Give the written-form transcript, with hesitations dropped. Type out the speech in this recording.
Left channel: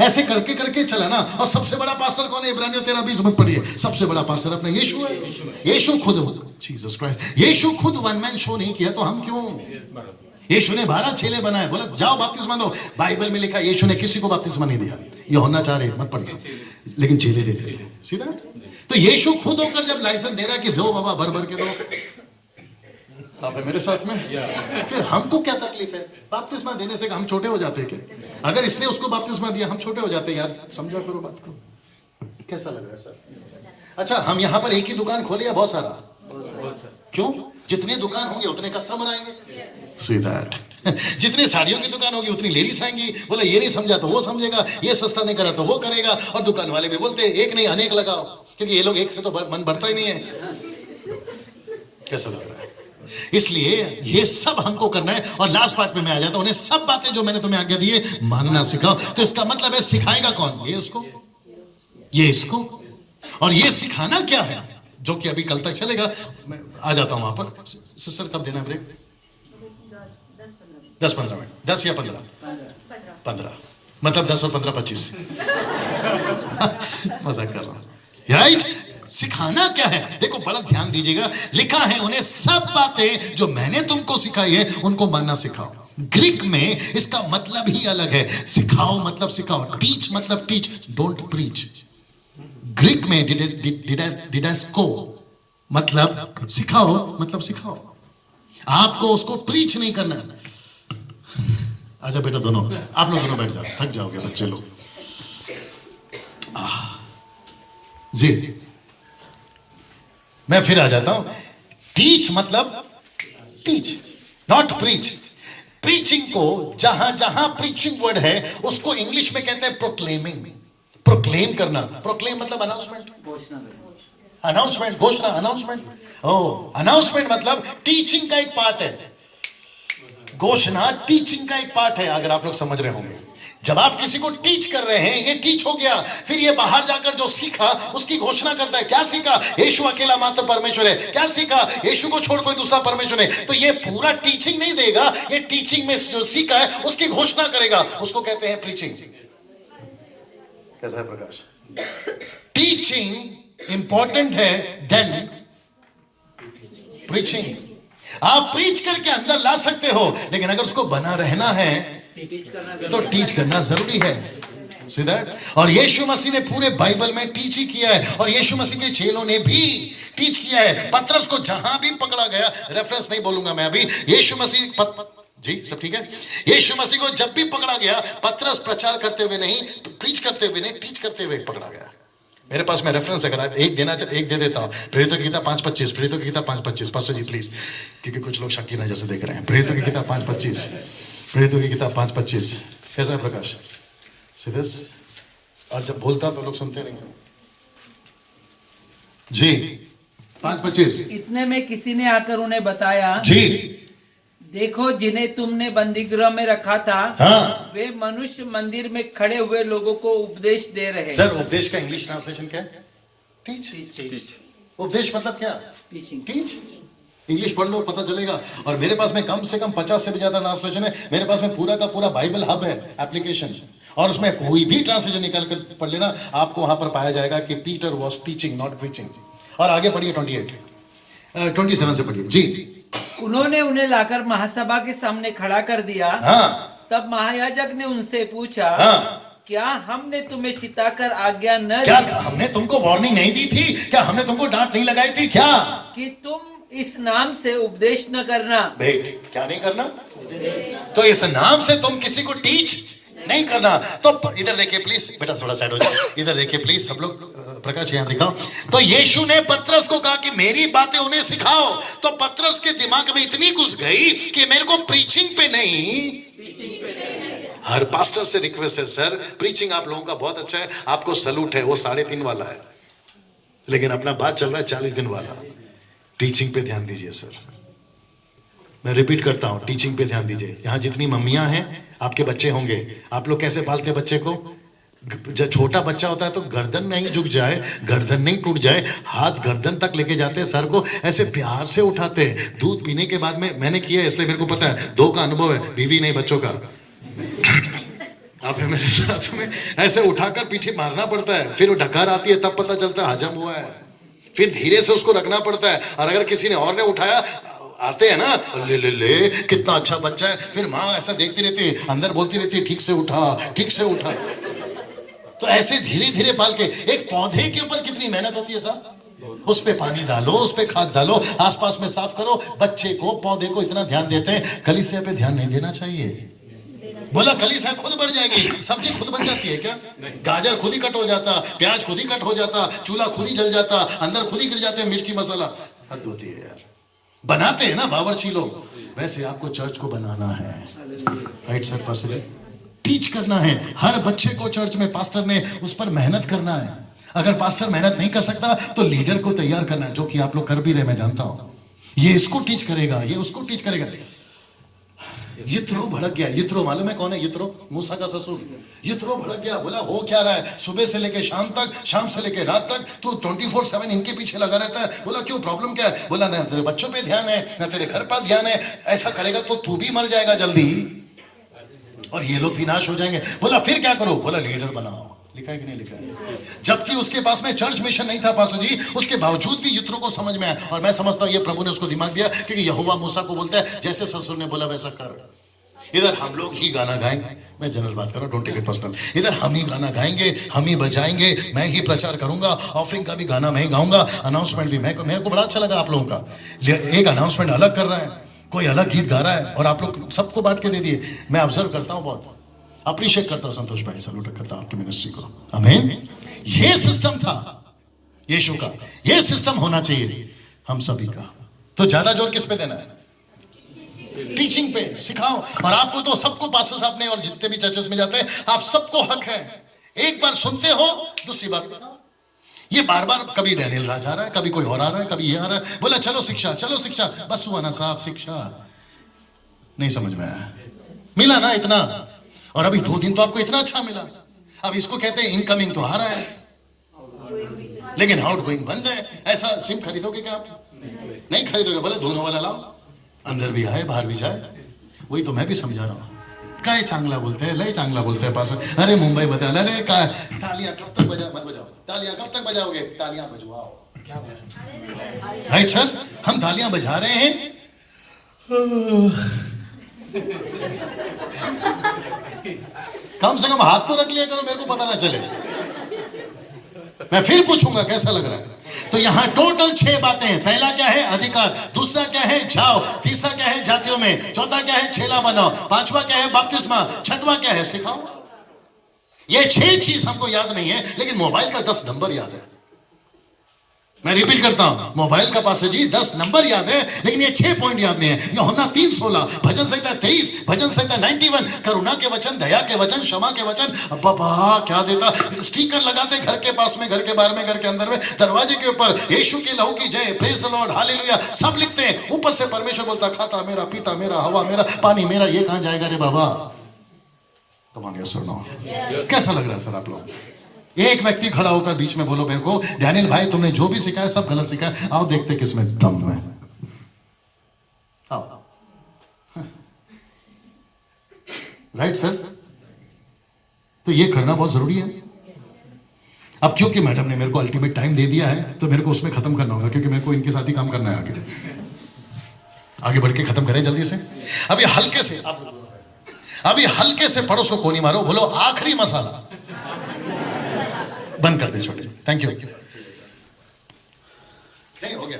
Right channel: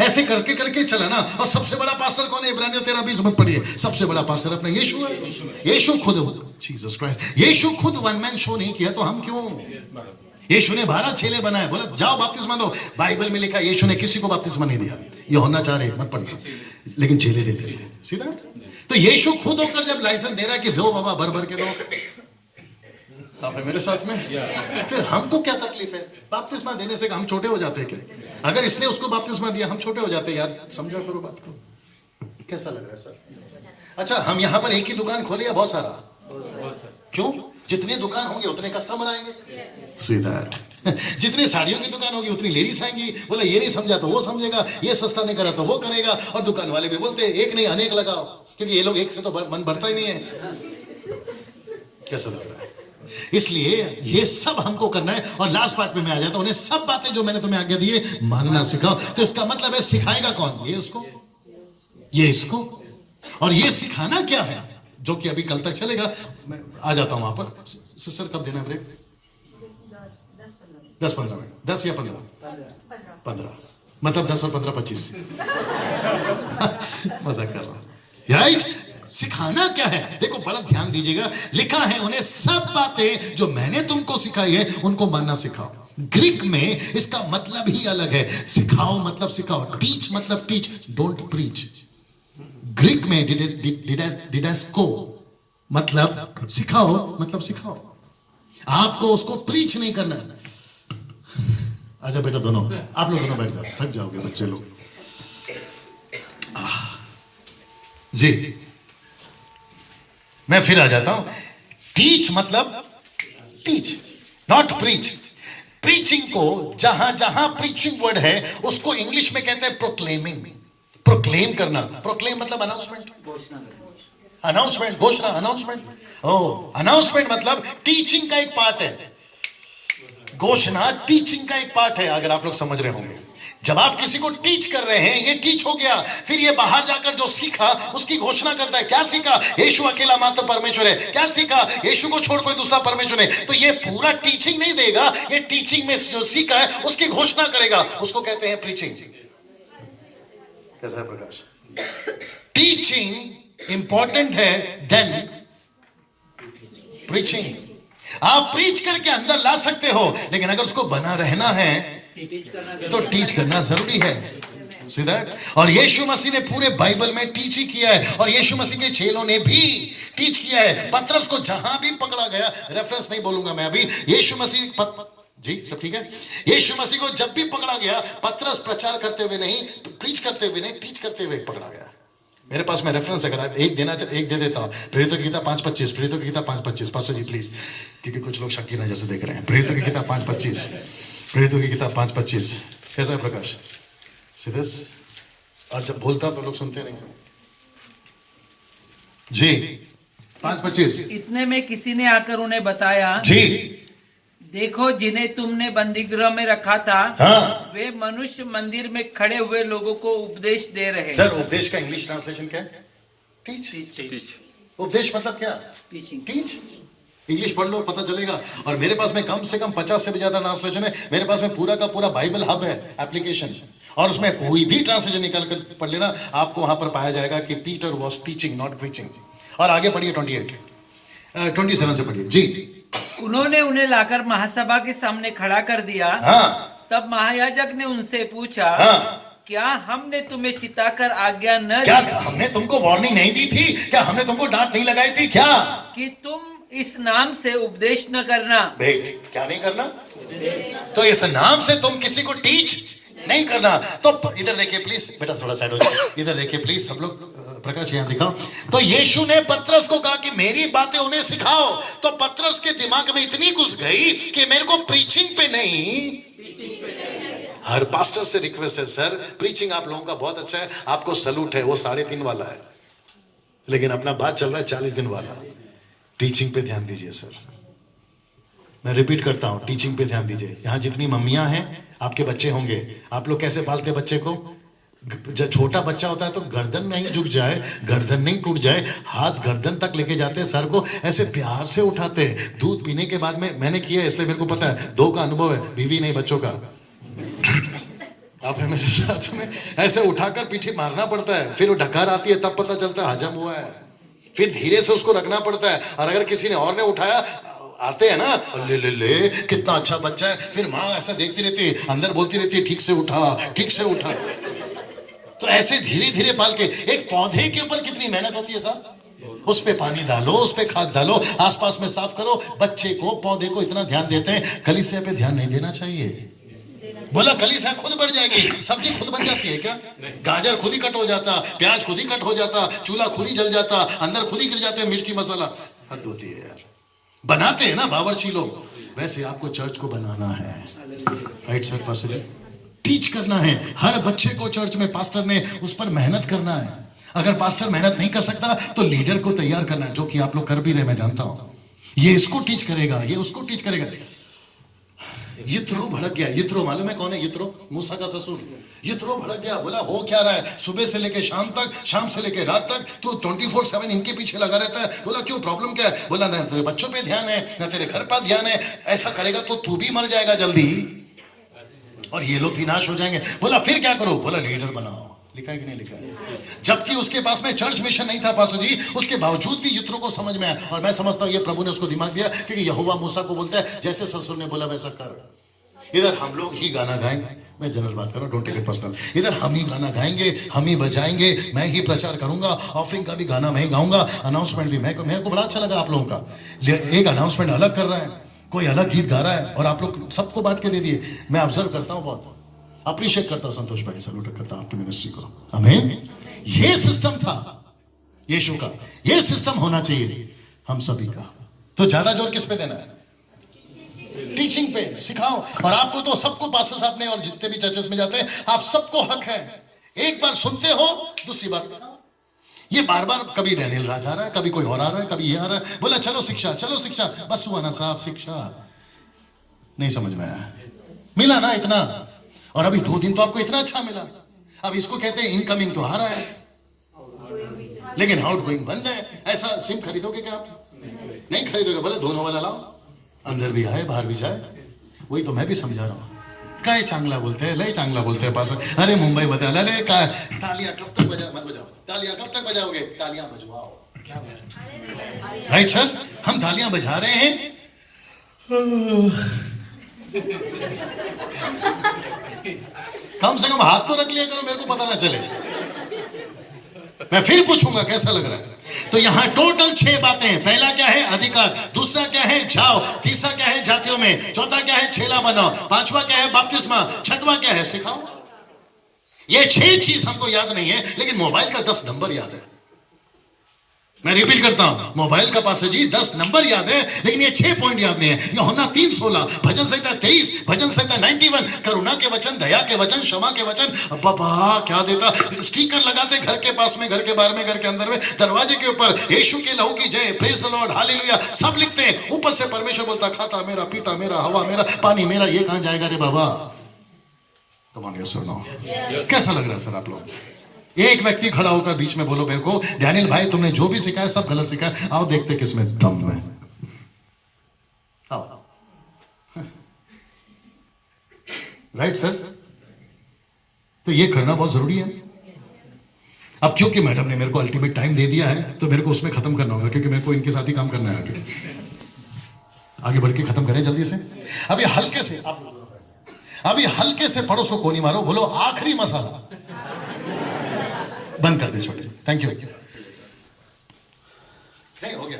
ऐसे करके करके चला ना। और सबसे बड़ा पास्टर कौन है? इब्रानियों 13:20 मत पढ़िए। सबसे बड़ा पास्टर अपना यीशु है। यीशु खुद, जीसस क्राइस्ट, यीशु खुद वन मैन शो नहीं किया तो हम क्यों? यीशु ने 12 चेले बनाए, बोला जाओ बपतिस्मा दो। बाइबल में लिखा यीशु ने किसी को बपतिस्मा नहीं दिया। यूहन्ना 4:1 मत पढ़ना, लेकिन चेले देते थे। सीधा तो यीशु खुद होकर जब लाइसेंस दे रहा कि दो बाबा, भर भर के दो। आप है मेरे साथ में? फिर हमको क्या तकलीफ है? बपतिस्मा देने से हम छोटे हो जाते हैं क्या? अगर इसने उसको बपतिस्मा दिया, हम छोटे हो जाते हैं। यार समझा करो बात को। कैसा लग रहा है सर? अच्छा, हम यहाँ पर एक ही दुकान खोले या बहुत सारा? क्यों? जितनी दुकान होंगे उतने कस्टमर आएंगे। See that? जितनी साड़ियों की दुकान होगी उतनी लेडीज आएंगी। बोला ये नहीं समझा तो वो समझेगा, ये सस्ता नहीं करा तो वो करेगा। और दुकान वाले भी बोलते हैं एक नहीं अनेक लगाओ, क्योंकि ये लोग एक से तो मन भरता ही नहीं है। कैसा लग रहा है? इसलिए ये सब हमको करना है। और लास्ट पार्ट में मैं आ जाता हूं, उन्हें सब बातें जो मैंने तुम्हें आज्ञा दी है मानना सिखाओ। तो इसका मतलब है सिखाएगा कौन? ये उसको, ये इसको। और ये सिखाना क्या है, जो कि अभी कल तक चलेगा। मैं आ जाता हूं वहां पर। सिस्टर कब देना ब्रेक? 10-15 मिनट। 10 या 15? मतलब 10 और 15 25। मजाक कर रहा हूं, राइट? सिखाना क्या है? देखो बड़ा ध्यान दीजिएगा। लिखा है उन्हें सब बातें जो मैंने तुमको सिखाई है उनको मानना सिखाओ। ग्रीक में इसका मतलब ही अलग है। सिखाओ मतलब सिखाओ, टीच मतलब टीच, डोंट प्रीच। ग्रीक में डिडास्को मतलब सिखाओ, मतलब सिखाओ। आपको उसको प्रीच नहीं करना। आजा बेटा, दोनों आप लोग दोनों बैठ जाओ, थक जाओगे बच्चे लोग। जी मैं फिर आ जाता हूं। टीच मतलब टीच, नॉट प्रीच। प्रीचिंग को जहां जहां प्रीचिंग वर्ड है उसको इंग्लिश में कहते हैं प्रोक्लेमिंग। प्रोक्लेम करना, प्रोक्लेम मतलब अनाउंसमेंट, अनाउंसमेंट, घोषणा, अनाउंसमेंट। अनाउंसमेंट मतलब टीचिंग का एक पार्ट है। घोषणा टीचिंग का एक पार्ट है, अगर आप लोग समझ रहे होंगे। जब आप किसी को टीच कर रहे हैं, ये टीच हो गया। फिर ये बाहर जाकर जो सीखा उसकी घोषणा करता है। क्या सीखा? यीशु अकेला मात्र परमेश्वर है। क्या सीखा? यीशु को छोड़ कोई दूसरा परमेश्वर है। तो ये पूरा टीचिंग नहीं देगा, ये टीचिंग में जो सीखा है उसकी घोषणा करेगा। उसको कहते हैं प्रीचिंग। कैसा है प्रकाश? टीचिंग इंपॉर्टेंट है देन प्रीचिंग। आप प्रीच करके अंदर ला सकते हो, लेकिन अगर उसको बना रहना है तो टीच करना जरूरी है। सीधा। और यीशु मसीह ने पूरे बाइबल में टीच ही किया है, और यीशु मसीह के चेलों ने भी टीच किया है। पतरस को जहां भी पकड़ा गया, रेफरेंस नहीं बोलूंगा मैं अभी, यीशु मसीह जी सब ठीक है। यीशु मसीह को जब भी पकड़ा गया, पतरस प्रचार करते हुए नहीं, प्रीच करते हुए नहीं, टीच करते हुए पकड़ा गया। मेरे पास में रेफरेंस है, अगर एक देना एक दे देता हूं। प्रेरितों की किताब 5:25, प्रेरितों की किताब 5:25। पास्टर जी प्लीज, क्योंकि कुछ लोग शकीना जैसे देख रहे हैं। प्रेरितों की किताब 5:25, प्रेरितों की किताब 5:25। कैसा है प्रकाश? सिद्धस आज जब बोलता तो लोग सुनते नहीं जी। 5:25। इतने में किसी ने आकर उन्हें बताया, जी देखो जिन्हें तुमने बंदीगृह में रखा था, हाँ, वे मनुष्य मंदिर में खड़े हुए लोगों को उपदेश दे रहे हैं। सर उपदेश का इंग्लिश ट्रांसलेशन क्या है? टीच। उपदेश मतलब क्या? टीचिंग। टीच। इंग्लिश पढ़ लो पता चलेगा। और मेरे पास में कम से कम 50 से भी ज्यादा ट्रांसलेशन है। मेरे पास में पूरा का पूरा बाइबल हब है एप्लीकेशन, और उसमें कोई भी ट्रांसलेशन निकाल कर पढ़ लेना, आपको वहां पर पाया जाएगा कि Peter was teaching not preaching. और आगे पढ़िए 27 से पढ़िए जी। उन्होंने उन्हें लाकर महासभा के सामने खड़ा कर दिया। हाँ, तब महायाजक ने उनसे पूछा, हाँ, क्या हमने तुम्हें चिताकर आज्ञा न क्या दी हमने तुमको वार्निंग नहीं दी थी? क्या हमने तुमको डांट नहीं लगाई थी क्या? कि तुम इस नाम से उपदेश न करना? भेंट क्या नहीं करना? तो इस नाम से तुम किसी को टीच नहीं करना। तो इधर देखिए प्लीज, बेटा थोड़ा साइड हो जाए, इधर देखिए प्लीज सब लोग। प्रकाश यहाँ दिखाओ। तो यीशु ने पतरस को कहा कि मेरी बातें उन्हें सिखाओ। तो पतरस के दिमाग में इतनी घुस गई कि मेरे को प्रीचिंग पे नहीं, हर पास्टर से रिक्वेस्ट है, सर प्रीचिंग आप लोगों का बहुत अच्छा है, आपको सलूट है, वो 3.5 वाला है, लेकिन अपना बात चल रहा है 40 दिन वाला। टीचिंग पे ध्यान दीजिए सर। मैं रिपीट करता हूं, टीचिंग पे ध्यान दीजिए। यहाँ जितनी मम्मियां हैं, आपके बच्चे होंगे, आप लोग कैसे पालते हैं बच्चे को? जब छोटा बच्चा होता है तो गर्दन नहीं झुक जाए, गर्दन नहीं टूट जाए, हाथ गर्दन तक लेके जाते हैं, सर को ऐसे प्यार से उठाते हैं। दूध पीने के बाद में मैंने किया है, इसलिए मेरे को पता है, 2 का अनुभव है, बीवी नहीं बच्चों का। आप है मेरे साथ में, ऐसे उठाकर पीठी मारना पड़ता है, फिर वो ढक्कार आती है तब पता चलता है हजम हुआ है, फिर धीरे से उसको रखना पड़ता है। और अगर किसी ने और ने उठाया, आते हैं ना, ले कितना अच्छा बच्चा है, फिर माँ ऐसा देखती रहती है, अंदर बोलती रहती है ठीक से उठा, ठीक से उठा। तो ऐसे धीरे धीरे पाल के, एक पौधे के ऊपर कितनी मेहनत होती है साहब, उस पे पानी डालो, उस पे खाद डालो, आसपास में साफ करो। बच्चे को, पौधे को इतना ध्यान देते हैं, कलीसिया पे ध्यान नहीं देना चाहिए। बोला कलीसिया खुद बढ़ जाएगी, सब्जी खुद बन जाती है क्या? गाजर खुद ही कट हो जाता, प्याज खुद ही कट हो जाता, चूल्हा खुद ही जल जाता, अंदर खुद ही गिर जाते हैं मिर्ची मसाला। हद होती है यार, बनाते हैं ना बावर्ची लोग, वैसे आपको चर्च को बनाना है। राइट सर, पास्टर जी, टीच करना है हर बच्चे को। चर्च में पास्टर ने उस पर मेहनत करना है। अगर पास्टर मेहनत नहीं कर सकता तो लीडर को तैयार करना है, जो कि आप लोग कर भी रहे, मैं जानता हूं। ये इसको टीच करेगा, ये उसको टीच करेगा। यित्रो भड़क गया। यित्रो मालूम है कौन है? यित्रो, मूसा का ससुर। यित्रो भड़क गया, बोला हो क्या रहा है, सुबह से लेके शाम तक, शाम से लेके रात तक तू 24/7 इनके पीछे लगा रहता है। बोला क्यों, प्रॉब्लम क्या है? बोला ना तेरे बच्चों पे ध्यान है, ना तेरे घर पर ध्यान है। ऐसा करेगा तो तू भी मर जाएगा जल्दी, और ये लोग विनाश हो जाएंगे। बोला फिर क्या करो? बोला लीडर बनाओ। लिखा है कि नहीं लिखा है? जबकि उसके पास में चर्च मिशन नहीं था पास्टर जी, उसके बावजूद भी यित्रो को समझ में आया। और मैं समझता हूं ये प्रभु ने उसको दिमाग दिया, क्योंकि यहोवा मूसा को बोलता है जैसे ससुर ने बोला वैसा कर। इधर हम लोग ही गाना गाएंगे, मैं जनरल बात कर रहा हूं, डोंट टेक इट पर्सनल। इधर हम ही गाना गाएंगे, हम ही बजाएंगे, मैं ही प्रचार करूंगा, ऑफरिंग का भी गाना मैं ही गाऊंगा, अनाउंसमेंट भी मैं। मेरे को बड़ा अच्छा लगा आप लोगों का, एक अनाउंसमेंट अलग कर रहा है, कोई अलग गीत गा रहा है, और आप लोग सबको बांट के दे दिए। मैं ऑब्जर्व करता हूं, बहुत अप्रिशिएट करता हूं संतोष भाई, सैल्यूट करता हूं आपकी मिनिस्ट्री को। आमीन। ये सिस्टम था यीशु का, ये सिस्टम होना चाहिए हम सभी का। तो ज्यादा जोर किस पे देना है? टीचिंग पे, सिखाओ। और आपको तो सबको, पास्टर साहब ने और जितने भी चर्चेस में जाते हैं, आप सबको हक है। एक बार सुनते हो, दूसरी बार ये बार बार, कभी डैनियल राज आ रहा है, कभी कोई और आ रहा है, कभी ये आ रहा है, बोला चलो शिक्षा, चलो शिक्षा, बस हुआ ना साहब, शिक्षा नहीं समझ में आया। मिला ना इतना, और अभी 2 दिन तो आपको इतना अच्छा मिला। अब इसको कहते हैं इनकमिंग तो आ रहा है, लेकिन आउट गोइंग बंद है। ऐसा सिम खरीदोगे क्या आप? नहीं खरीदोगे। बोले दोनों वाला लाओ, अंदर भी आए बाहर भी जाए। वही तो मैं भी समझा रहा हूं। काय चांगला बोलते हैं, लय चांगला बोलते हैं पास। अरे मुंबई बता, अरे काय तालियां कब तक बजाओ, तालियां कब तक बजाओगे? तालियां बजवाओ। राइट सर, हम तालियां बजा रहे हैं। कम से कम हाथ तो रख लिया करो, मेरे को पता ना चले। मैं फिर पूछूंगा कैसा लग रहा है। तो यहां टोटल 6 बातें हैं। पहला क्या है? अधिकार। दूसरा क्या है? जाओ। तीसरा क्या है? जातियों में। चौथा क्या है? चेला बनाओ। पांचवा क्या है? बपतिस्मा। छठवां क्या है? सिखाओ। ये 6 चीज हमको याद नहीं है, लेकिन मोबाइल का 10 नंबर याद है। मैं रिपीट करता हूं, मोबाइल का पास जी 10 नंबर याद है, लेकिन ये 6 पॉइंट याद नहीं है। यूहन्ना 3:16, भजन संहिता 23, भजन संहिता 91, करुणा के वचन, दया के वचन, क्षमा के वचन। बाबा क्या देता, स्टिकर लगाते घर के पास में, घर के बाहर में, घर के अंदर में, दरवाजे के ऊपर यीशु के लहू की जय, प्रेज द लॉर्ड, हालेलुया, सब लिखते हैं। ऊपर से परमेश्वर बोलता, खाता मेरा, पीता मेरा, हवा मेरा, पानी मेरा। ये कहां जाएगा रे बाबा? कमांड सुनो। कैसा लग रहा है सर आप लोग? एक व्यक्ति खड़ा होकर बीच में बोलो मेरे को, डैनियल भाई तुमने जो भी सिखाया सब गलत सिखाया, आओ देखते किसमें दम है। आओ। राइट सर, तो ये करना बहुत जरूरी है। अब क्योंकि मैडम ने मेरे को अल्टीमेट टाइम दे दिया है, तो मेरे को उसमें खत्म करना होगा, क्योंकि मेरे को इनके साथ ही काम करना है। आगे बढ़ के खत्म करें जल्दी से। अभी हल्के से पड़ोस को कोनी मारो, बोलो आखिरी मसाला बंद कर दे छोटे। Thank you. नहीं हो गया।